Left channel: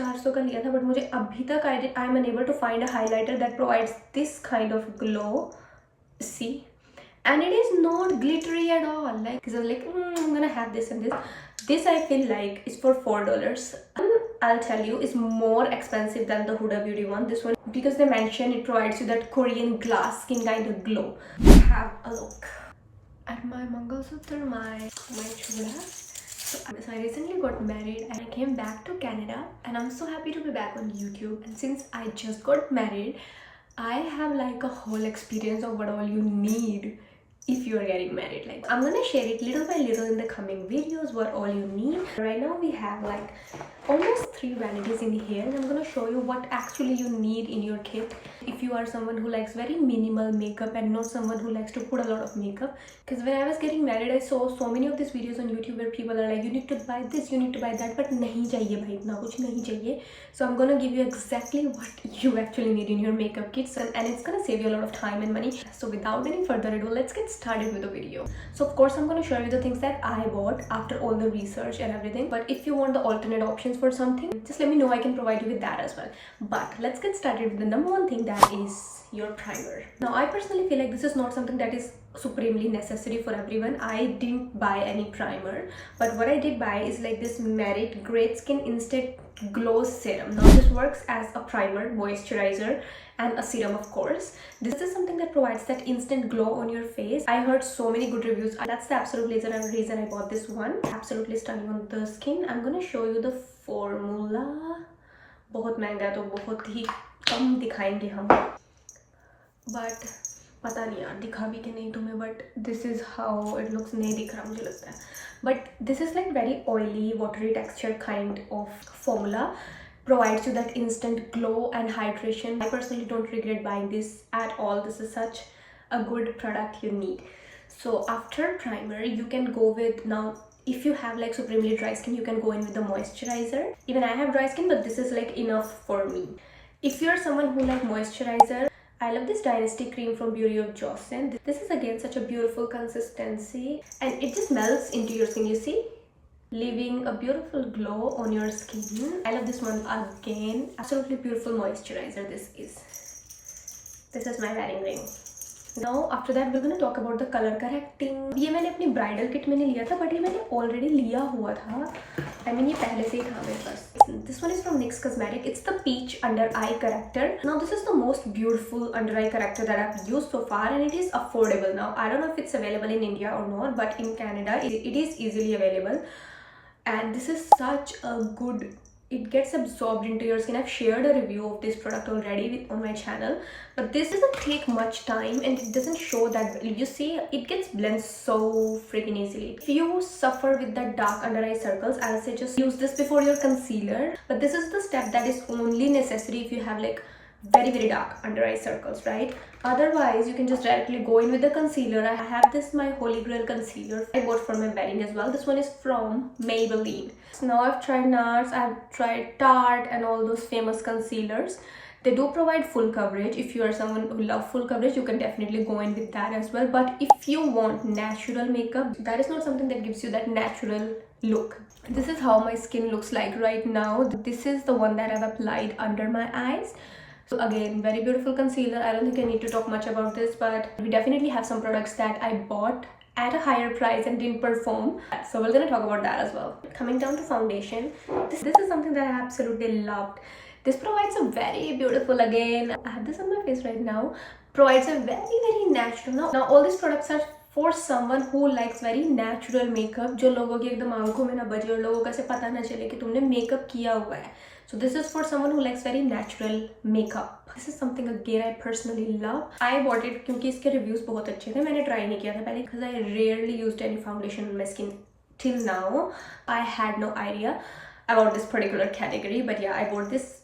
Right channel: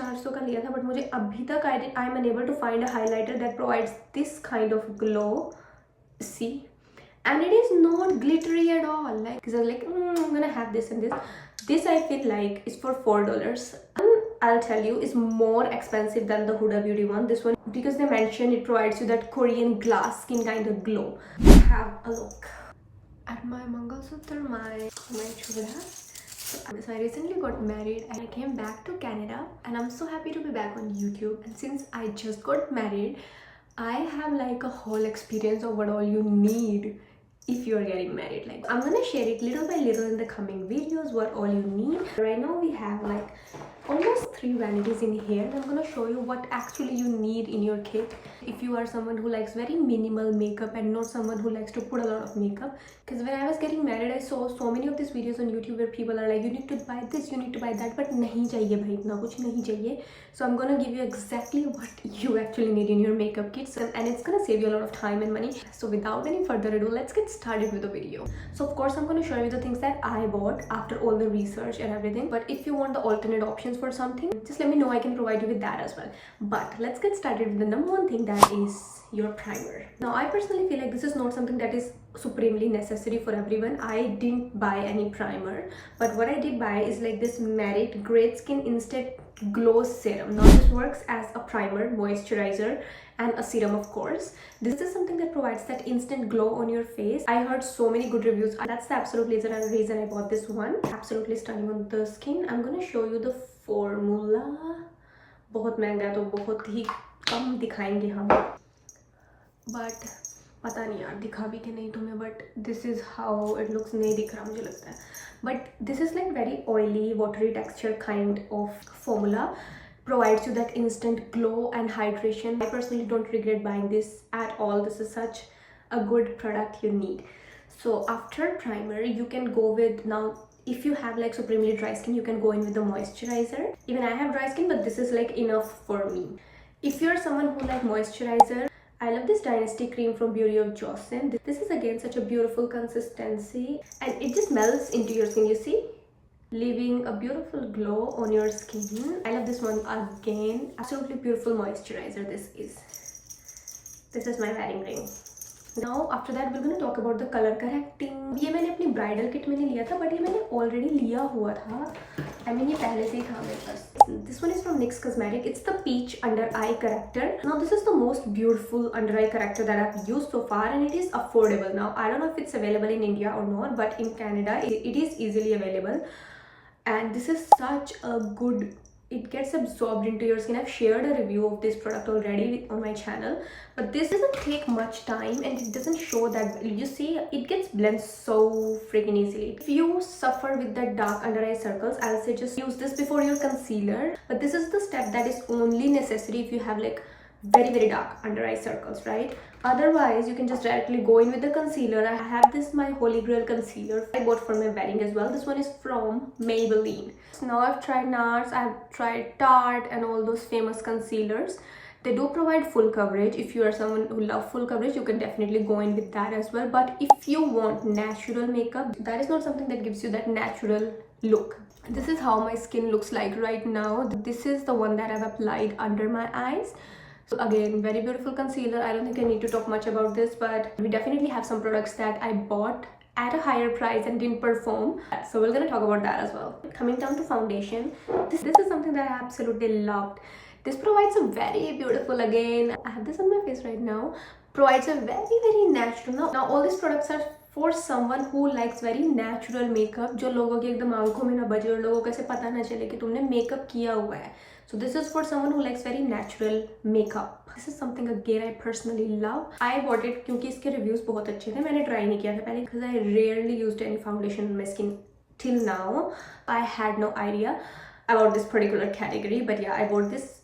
400 का लिया था, बट मुझे अभी तक I am unable to find a highlighter that provides this kind of glow. See, and it is not glittery at all. Like this is like I'm gonna have this and this. This I feel like is for $4. I'll tell you, is more expensive than the Huda Beauty one. This one, because they mentioned it provides you that Korean glass skin kind of glow. Have a look at my Mangalsutra, my chula. So I recently got married and I came back to Canada, and I'm so happy to be back on YouTube. And since I just got married, I have like a whole experience of what all you need if you are getting married. Like I'm gonna share it little by little in the coming videos, what all you need. Right now we have like almost 3 vanities in here, and I'm gonna show you what actually you need in your kit if you are someone who likes very minimal makeup and not someone who likes to put a lot of makeup. Because when I was getting married, I saw so many of these videos on YouTube where people are like, you need to buy this, you need to buy that, but nahi chahiye bhai, itna kuch nahi chahiye. So I'm gonna give you exactly what you actually need in your makeup kits, and it's gonna save you a lot of time and money. So without any further ado, let's get started with the video. So of course I'm gonna show you the things that I bought after all the research and everything, but if you want the alternate options for something, just let me know. I can provide you with that as well. But let's get started with the number one thing, that is your primer. Now I personally feel like this is not something that is supremely necessary for everyone. I didn't buy any primer, but what I did buy is like this Merit Great Skin Instant Glow Serum. Now this works as a primer, moisturizer, and a serum, of course. This is something that provides that instant glow on your face. I heard so many good reviews. That's the absolute reason I bought this one. Absolutely stunning on the skin. I'm gonna show you the formula. बहुत महंगा है तो बहुत ही कम दिखाएंगे हम, but पता नहीं यार दिखा भी कि नहीं तुम्हें, but this is how it looks. नहीं दिख रहा मुझे लगता है, but this is like very oily watery texture kind of formula. Provides you that instant glow and hydration. I personally don't regret buying this at all. This is such a good product you need. So after primer, you can go with, now if you have like supremely dry skin, you can go in with the moisturizer. Even I have dry skin, but this is like enough for me. If you're someone who like moisturizer, I love this Dynasty cream from Beauty of Jocelyn. This is again such a beautiful consistency, and it just melts into your skin, you see, leaving a beautiful glow on your skin. I love this one again. Absolutely beautiful moisturizer. This is my wedding ring. Now after that we're gonna talk about the color correcting. ये मैंने अपनी bridal kit में नहीं लिया था, but ये मैंने already लिया हुआ था. I mean ये पहले से ही था मेरे पास. This one is from NYX Cosmetic. It's the Peach Under Eye Corrector. Now this is the most beautiful under eye corrector that I've used so far, and it is affordable. Now I don't know if it's available in India or not, but in Canada it is easily available. And this is such a good, it gets absorbed into your skin. I've shared a review of this product already on my channel, but this doesn't take much time and it doesn't show that well. You see, it gets blended so freaking easily. If you suffer with the dark under eye circles, I'll say just use this before your concealer, but this is the step that is only necessary if you have like very dark under eye circles, right? Otherwise you can just directly go in with the concealer. I have this, my holy grail concealer I bought for my wedding as well. This one is from Maybelline. So now I've tried NARS, I've tried Tarte and all those famous concealers. They do provide full coverage. If you are someone who loves full coverage, you can definitely go in with that as well. But if you want natural makeup, that is not something that gives you that natural look. This is how my skin looks like right now. This is the one that I've applied under my eyes. So again, very beautiful concealer. I don't think I need to talk much about this, but we definitely have some products that I bought at a higher price and didn't perform. So we're gonna talk about that as well. Coming down to foundation, this is something that I absolutely loved. This provides a very beautiful, again, I have this on my face right now, provides a very natural. Now all these products are for someone who likes very natural makeup, जो लोगों की एकदम आंखों में ना बजे और लोगों को ऐसे पता ना चले कि तुमने मेकअप किया हुआ है. So this is for someone who likes very natural makeup. This is something again I personally love. I bought it क्योंकि इसके reviews बहुत अच्छे थे. मैंने try नहीं किया था पहले because I rarely used any foundation on my skin till now. I had no idea about this particular category, but yeah, I bought this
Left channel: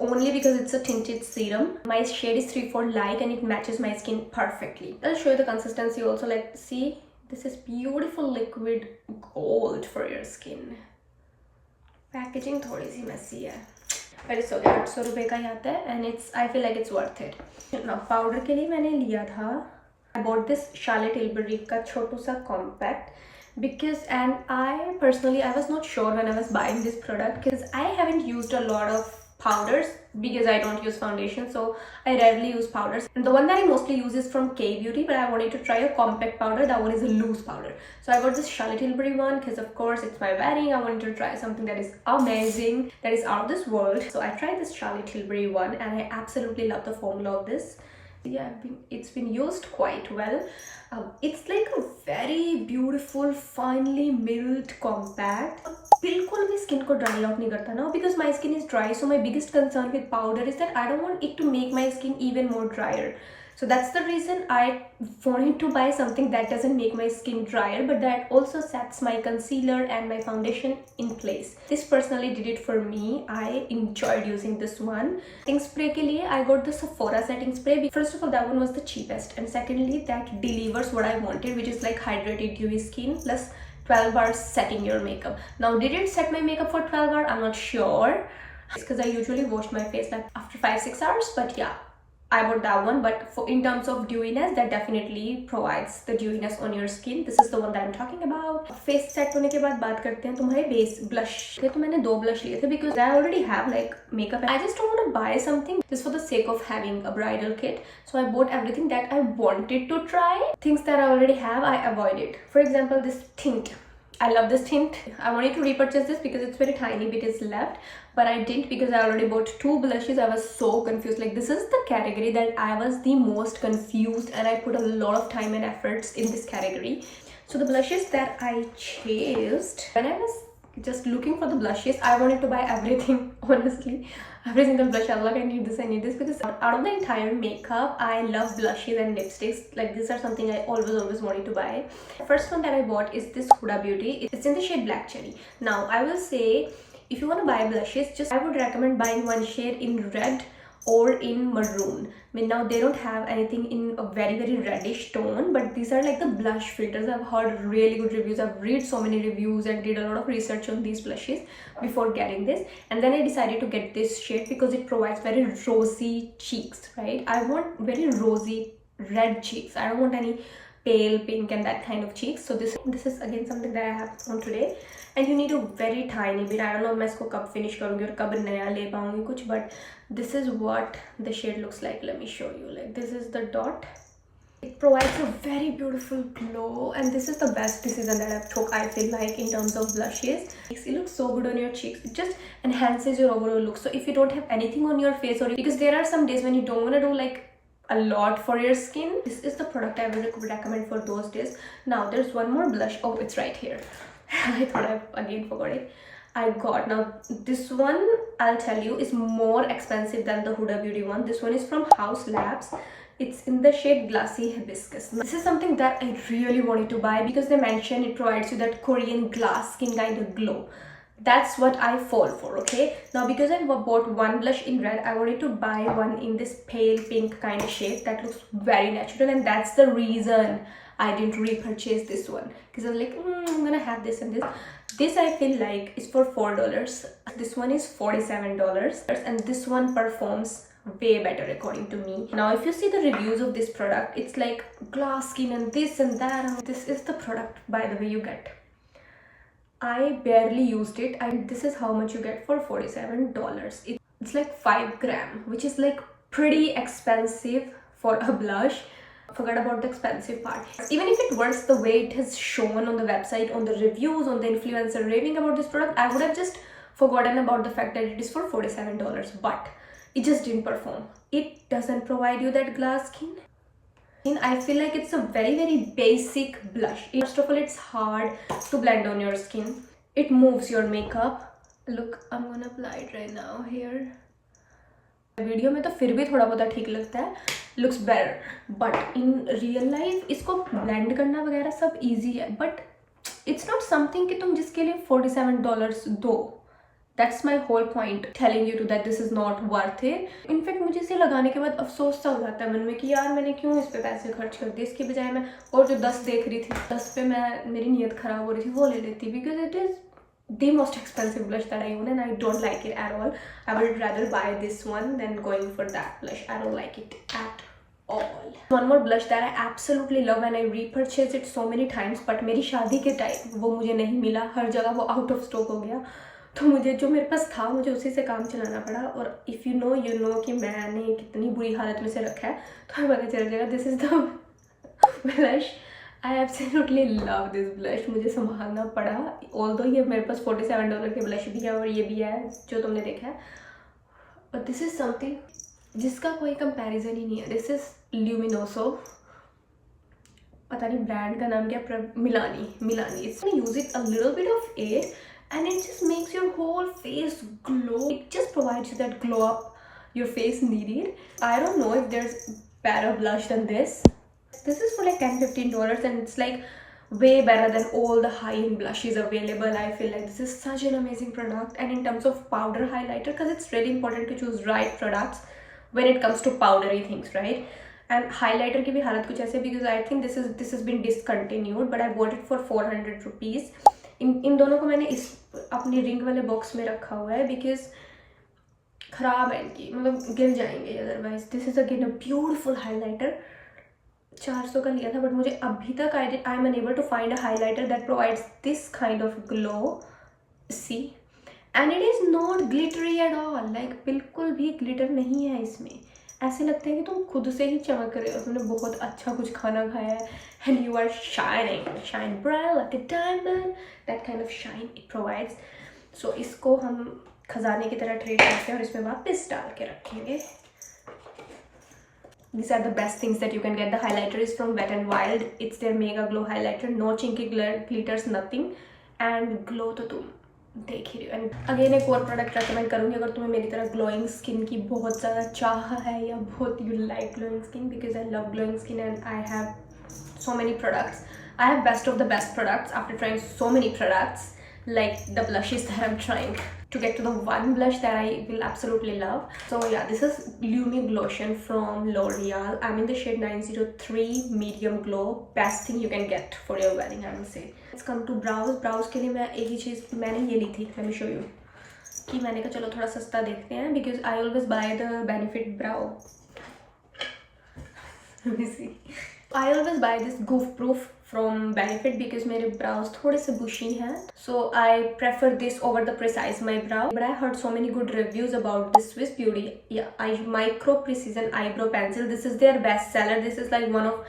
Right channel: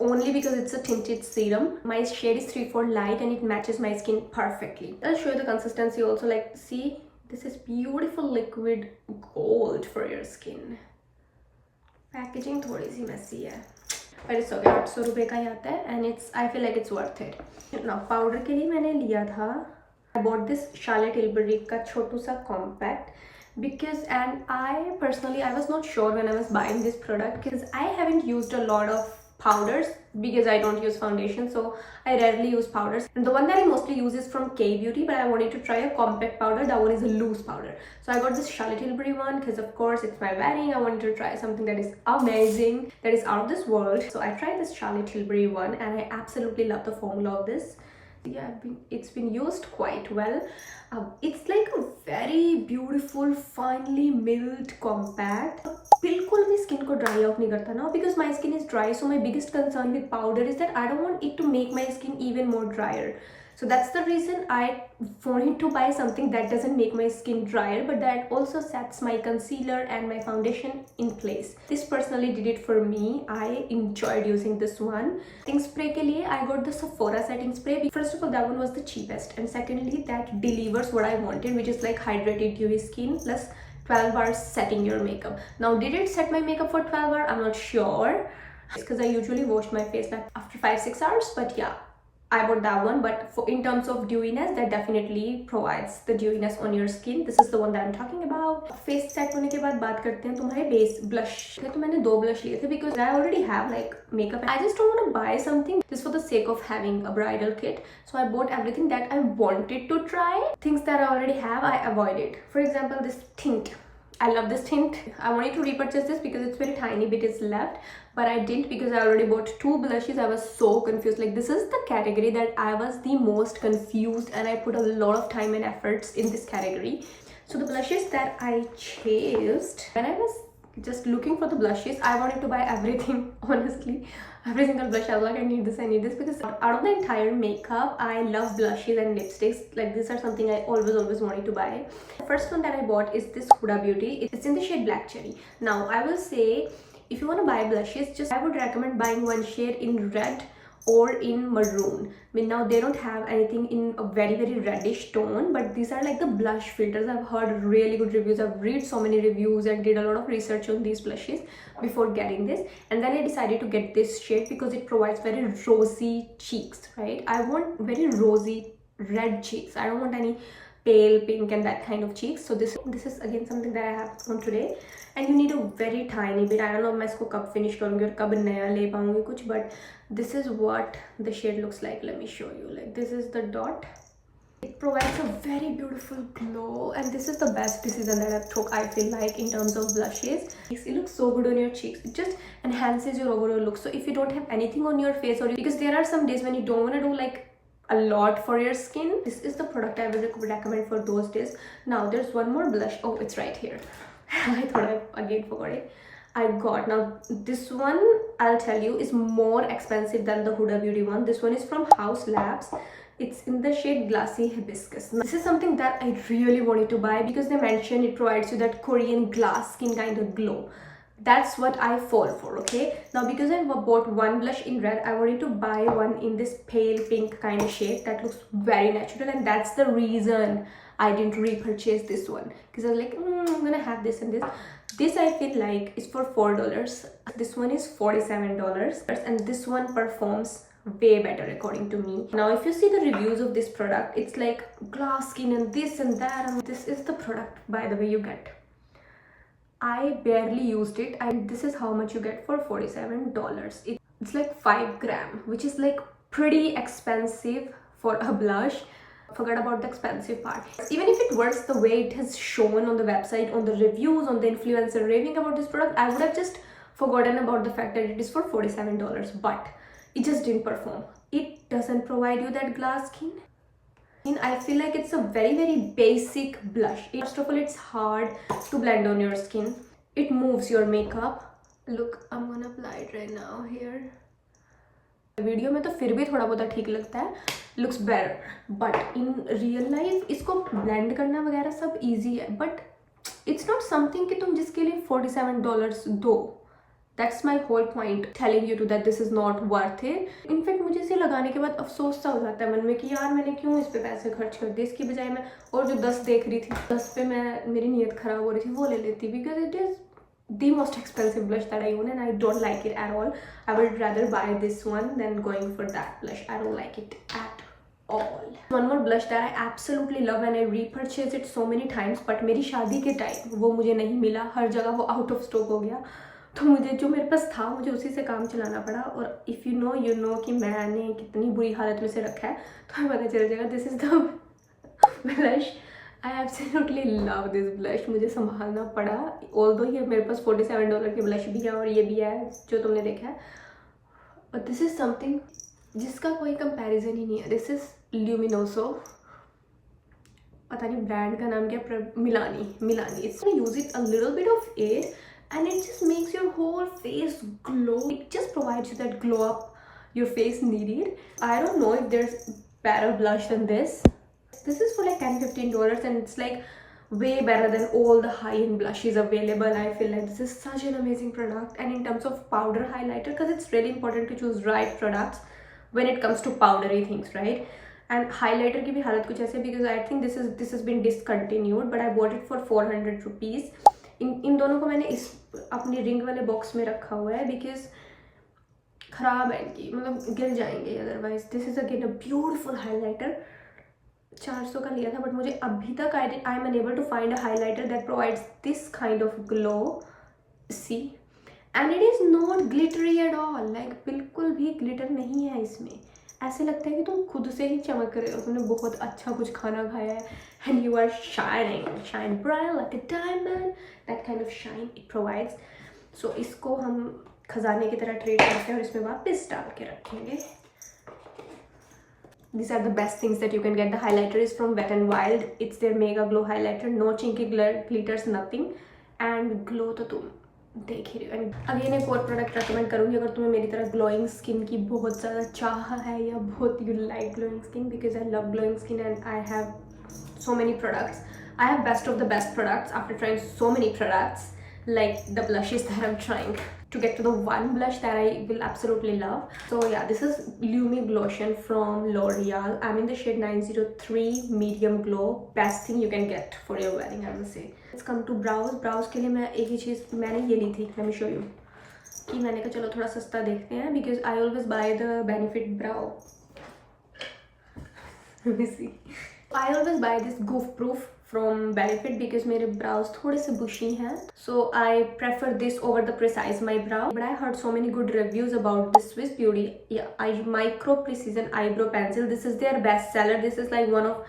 only because it's a tinted serum. My shade is 3/4 light and it matches my skin perfectly. I'll show you the consistency also. Like, see, this is beautiful liquid gold for your skin. Packaging थोड़ी सी messy है, but it's okay. 800 रुपये का ही आता है and I feel like it's worth it. Now powder के लिए मैंने लिया था, I bought this Charlotte Tilbury का छोटू सा compact. because, and I personally, I was not sure when I was buying this product because I haven't used a lot of powders because I don't use foundation, so I rarely use powders. And the one that I mostly use is from K Beauty, but I wanted to try a compact powder. That one is a loose powder, so I got this Charlotte Tilbury one because of course it's my wedding. I wanted to try something that is amazing, that is out of this world. So I tried this Charlotte Tilbury one and I absolutely love the formula of this. Yeah, it's been used quite well. It's like a very beautiful finely milled compact. बिल्कुल भी skin को dry out नहीं करता ना, because my skin is dry. So my biggest concern with powder is that I don't want it to make my skin even more dryer. So that's the reason I wanted to buy something that doesn't make my skin drier, but that also sets my concealer and my foundation in place. This personally did it for me. I enjoyed using this one. Setting spray ke liye I got the Sephora setting spray. First of all, that one was the cheapest, and secondly, that delivers what I wanted, which is like hydrated dewy skin plus 12 hours setting your makeup. Now, did it set my makeup for 12 hours? I'm not sure because I usually wash my face like after 5-6 hours, but yeah, I bought that one. But for in terms of dewiness, that definitely provides the dewiness on your skin. This is the one that I'm talking about. Face set होने के बाद बात करते हैं तुम्हारे base blush. तो मैंने 2 blush लिए थे because I already have like makeup. I just don't want to buy something just for the sake of having a bridal kit. So I bought everything that I wanted to try. Things that I already have, I avoided. For example, this tint. I love this tint. I wanted to repurchase this because it's very tiny bit is left, but I didn't because I already bought 2 blushes. I was so confused. Like, this is the category that I was the most confused, and I put a lot of time and efforts in this category. So the blushes that I chose, when I was just looking for the blushes, I wanted to buy everything. Honestly, every single blush I was like, I need this, because out of the entire makeup, I love blushes and lipsticks. Like, these are something I always wanted to buy. The first one that I bought is this Huda Beauty. It's in the shade Black Cherry. Now, I will say, if you want to buy blushes, just I would recommend buying one shade in red or in maroon. I mean, now they don't have anything in a very reddish tone, but these are like the blush filters. I've heard really good reviews. I've read so many reviews and did a lot of research on these blushes before getting this, and then I decided to get this shade because it provides very rosy cheeks, right? I want very rosy red cheeks. I don't want any pale pink and that kind of cheeks. So this is again something that I have on today, and you need a very tiny bit. I don't know मैं इसको कब finish करूँगी और कब नया ले पाऊँगी कुछ, but this is what the shade looks like. Let me show you. Like, this is the dot. It provides a very beautiful glow, and this is the best decision that I've took, I feel like, in terms of blushes. It looks so good on your cheeks. It just enhances your overall look. So if you don't have anything on your face, or because there are some days when you don't want to do like a lot for your skin, this is the product I would recommend for those days. Now, there's one more blush. Oh, it's right here. I thought I again forgot it. I got, now this one, I'll tell you, is more expensive than the Huda Beauty one. This one is from House Labs. It's in the shade Glassy Hibiscus. Now, this is something that I really wanted to buy because they mentioned it provides you that Korean glass skin kind of glow. That's what I fall for. Okay, now because I bought one blush in red, I wanted to buy one in this pale pink kind of shade that looks very natural, and that's the reason I didn't repurchase this one, because I was like, I'm gonna have this and this. This I feel like is for $4. This one is $47, and this one performs way better according to me. Now, if you see the reviews of this product, it's like glass skin and this and that, and this is the product, by the way, you get. I barely used it, and this is how much you get for $47. It's like 5 grams, which is like pretty expensive for a blush. Forget about the expensive part. Even if it works the way it has shown on the website, on the reviews, on the influencer raving about this product, I would have just forgotten about the fact that it is for $47, but it just didn't perform. It doesn't provide you that glass skin. I feel like it's a very basic blush. First of all, it's hard to blend on your skin. It moves your makeup. Look, I'm gonna apply it right now here. Video में तो फिर भी थोड़ा बहुत ठीक लगता है, looks better, but in real life इसको blend करना वगैरह सब easy है, but it's not something कि तुम जिसके लिए $47 दो. That's my whole point, telling you to that this is not worth it. In fact, मुझे इसे लगाने के बाद अफसोस सा हो जाता है मन में कि यार मैंने क्यों इस पे पैसे खर्च कर दिए. इसके बजाय मैं और जो 10 देख रही थी, 10 पे मैं मेरी नीयत खराब हो रही थी, वो ले लेती, because it is the most expensive blush that I own and I don't like it at all. I would rather buy this one than going for that blush. I don't like it at all. One more blush that I absolutely love and I repurchased it so many times, but मेरी शादी के time वो मुझे नहीं मिला, हर जगह वो out of stock हो गया, तो मुझे जो मेरे पास था मुझे उसी से काम चलाना पड़ा. और इफ़ यू नो कि मैंने कितनी बुरी हालत में से रखा है तो हमें पता चल जाएगा. This is the blush. I absolutely love this blush. मुझे संभालना पड़ा, ऑल्दो ये मेरे पास $47 के ब्लश भी है और ये भी है जो तुमने देखा है, बट दिस इज़ समथिंग जिसका कोई कंपैरिजन ही नहीं है. दिस इज़ ल्यूमिनोसो, पता नहीं ब्रांड का नाम क्या, Milani. It's use it a little bit of air and it just makes your whole face glow. It just provides you that glow up your face needed. I don't know if there's better blush than this. This is for like $10-15 and it's like way better than all the high-end blushes available. I feel like this is such an amazing product. And in terms of powder highlighter, because it's really important to choose right products when it comes to powdery things, right? And highlighter की भी हालत कुछ ऐसे, because I think this has been discontinued, but I bought it for 400 rupees. इन दोनों को मैंने इस अपनी रिंग वाले बॉक्स में रखा हुआ है बिकॉज ख़राब है इनकी, मतलब गिर जाएंगे otherwise. This is again a beautiful highlighter. 400 का लिया था, बट मुझे अभी तक I am unable to find a highlighter that provides this kind of glow. See, and it is not glittery at all. Like बिल्कुल भी ग्लिटर नहीं है इसमें. ऐसे लगता है कि तुम खुद से ही चमक रहे हो, तुमने बहुत अच्छा कुछ खाना खाया है and you are shine bright like a diamond. That kind of shine it provides. So इसको हम खजाने की तरह ट्रीट करते हैं और इसमें वापस डाल के रखेंगे. These are the best things that you can get. The highlighter is from Wet n Wild. It's their mega glow highlighter. No chinky glitters, nothing. And glow तो तुम देख ही रही हो. एंड अगेन एक और प्रोडक्ट रेकमेंड करूँगी अगर तुम्हें मेरी तरह ग्लोइंग स्किन की बहुत ज़्यादा चाह है या बहुत you like glowing skin, because I love glowing skin and I have so many products. I have best of the best products after trying so many products, like the blushes that I'm trying to get to the one blush that I will absolutely love. So yeah, this is Lumi Glotion from L'Oreal. I'm in the shade 903 medium glow. Best thing you can get for your wedding, I will say. Let's come to brows. Brows के लिए मैं एक ही चीज़ मैंने ये ली थी, let me show you. कि मैंने कहा चलो थोड़ा सस्ता देखते हैं because I always buy the Benefit brow. Let me see. I always buy this goof proof from Benefit because मेरे brows थोड़े से bushy हैं, so I prefer this over the Precise My Brow. But I heard so many good reviews about this Swiss Beauty Micro Precision Eyebrow Pencil. This is their best seller. This is like one of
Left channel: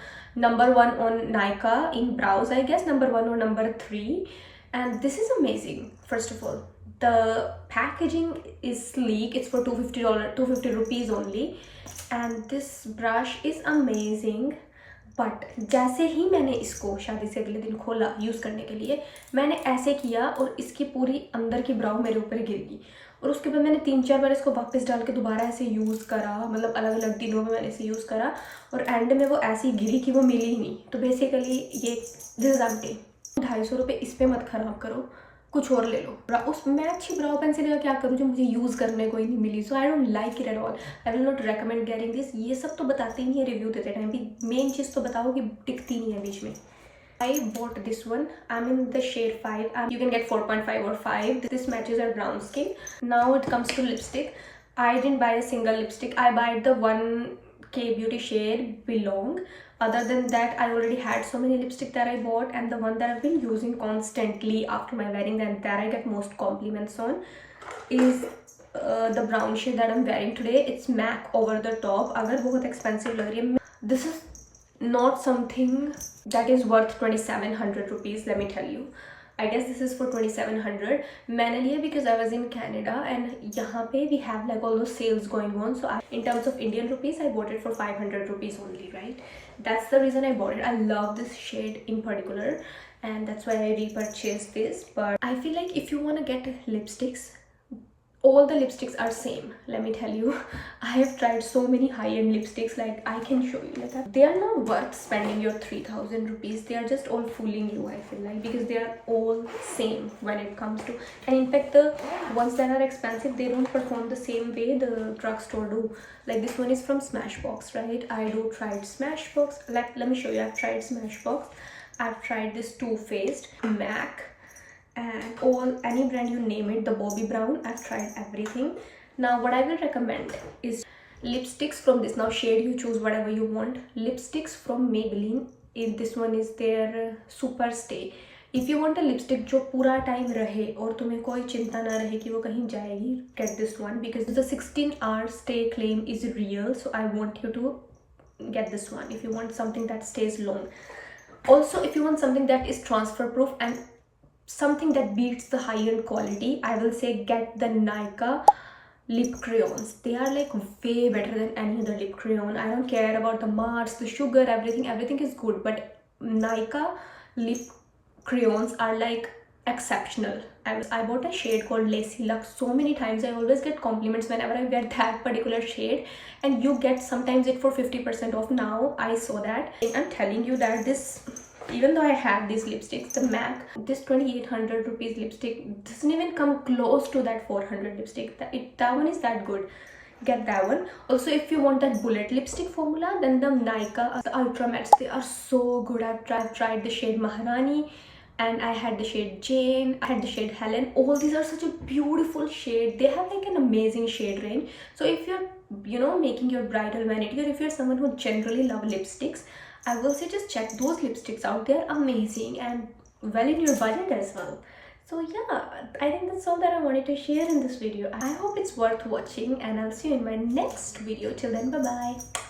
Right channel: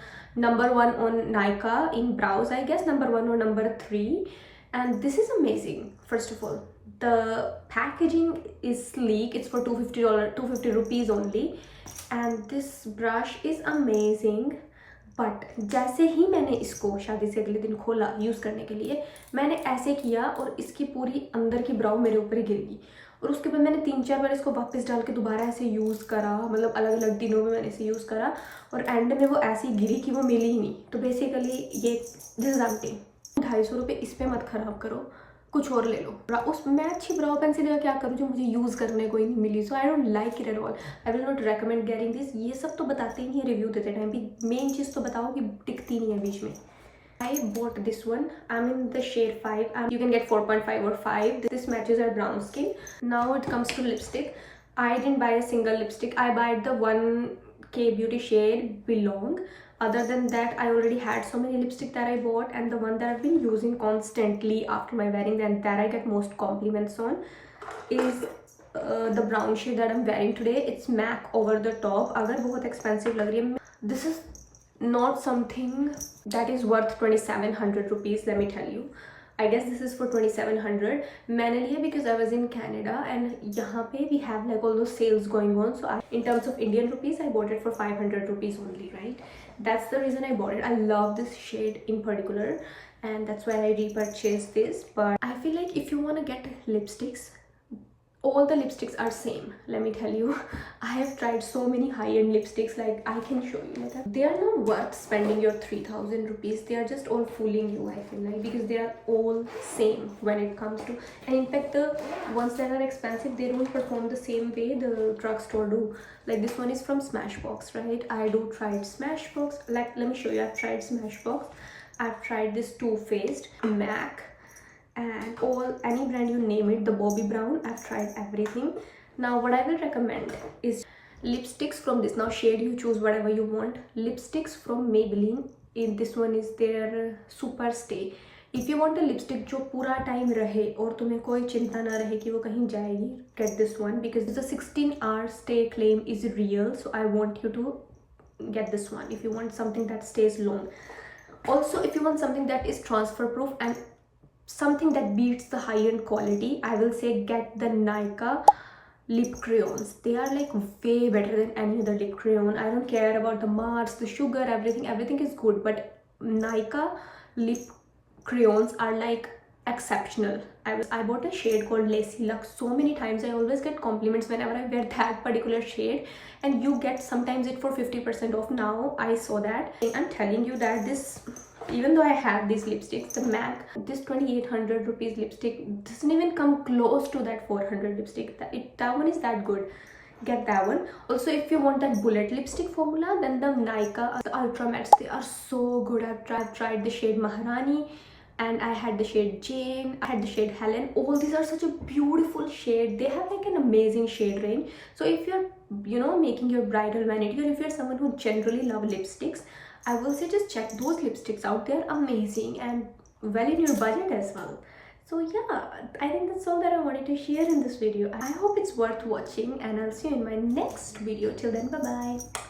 #1 on Nika in brows, I guess #1 or #3, and this is amazing. First of all, the packaging is sleek. It's for $250 rupees only, and this brush is amazing. But जैसे ही मैंने इसको शादी से अगले दिन खोला use करने के लिए, मैंने ऐसे किया और इसकी पूरी अंदर की ब्राउ मेरे ऊपर गिर गई. और उसके बाद मैंने 3-4 बार इसको वापस डाल के दोबारा ऐसे यूज़ करा, मतलब अलग अलग दिनों में मैंने इसे यूज़ करा और एंड में वो ऐसी गिरी कि वो मिली ही नहीं. तो बेसिकली ये दिस इज एम्प्टी. 250 रुपये इस पर मत ख़राब करो, कुछ और ले लो. उस मैं अच्छी ब्राउ पेंसिल का क्या करूँ जो मुझे यूज़ करने को ही नहीं मिली. So I don't like it at all. I will not recommend getting this. ये सब तो बताते ही नहीं है रिव्यू देते टाइम भी. मेन चीज़ तो बताओ कि टिकती नहीं है बीच में. I bought this one. I'm in the shade 5. You can get 4.5 or 5. This matches our brown skin. Now it comes to lipstick. I didn't buy a single lipstick. I bought the 1K beauty shade Belong. Other than that, I already had so many lipstick that I bought, and the one that I've been using constantly after my wedding and that I get most compliments on is the brown shade that I'm wearing today. It's MAC Over the Top. अगर बहुत expensive लग रही है, this is not something that is worth 2700 rupees, let me tell you. I guess this is for 2700. मैंने लिया because I was in Canada and यहाँ पे we have like all those sales going on. So in terms of Indian rupees, I bought it for 500 rupees only, right? That's the reason I bought it. I love this shade in particular and that's why I repurchased this. But I feel like if you want to get lipsticks, all the lipsticks are same, let me tell you. I have tried so many high-end lipsticks, like I can show you like that. They are not worth spending your 3000 rupees. They are just all fooling you, I feel like, because they are all same when it comes to, and in fact the ones that are expensive, they don't perform the same way the drugstore do. Like this one is from Smashbox, right? I do tried Smashbox. Like let me show you. I've tried Smashbox. I've tried this Too Faced, MAC, and all any brand you name it, the Bobbi Brown. I've tried everything. Now what I will recommend is Lipsticks from this, now shade you choose whatever you want. Lipsticks from Maybelline, in this one is their super stay. If you want a lipstick जो पूरा time रहे और तुम्हें कोई चिंता ना रहे कि वो कहीं जाएगी, get this one because the 16-hour stay claim is real. So I want you to get this one if you want something that stays long. Also, if you want something that is transfer proof and something that beats the high-end quality, I will say get the Nykaa lip crayons. They are like way better than any other lip crayon. I don't care about the marks, the sugar, everything is good, but Nykaa lip crayons are like exceptional. I bought a shade called Lacy Luxe so many times. I always get compliments whenever I wear that particular shade, and you get sometimes it for 50% off. Now I saw that. I'm telling you that this, even though I have these lipsticks, the MAC, this 2800 rupees lipstick doesn't even come close to that 400 lipstick. That one is that good. Get that one. Also, if you want that bullet lipstick formula, then the Nykaa, the Ultra Mattes, they are so good. I've tried the shade Maharani, and I had the shade Jane, I had the shade Helen. All these are such a beautiful shade. They have like an amazing shade range. So if you're, you know, making your bridal vanity, or if you're someone who generally love lipsticks, I will say just check those lipsticks out. They're amazing and well in your budget as well. So yeah, I think that's all that I wanted to share in this video. I hope it's worth watching, and I'll see you in my next video. Till then, bye bye.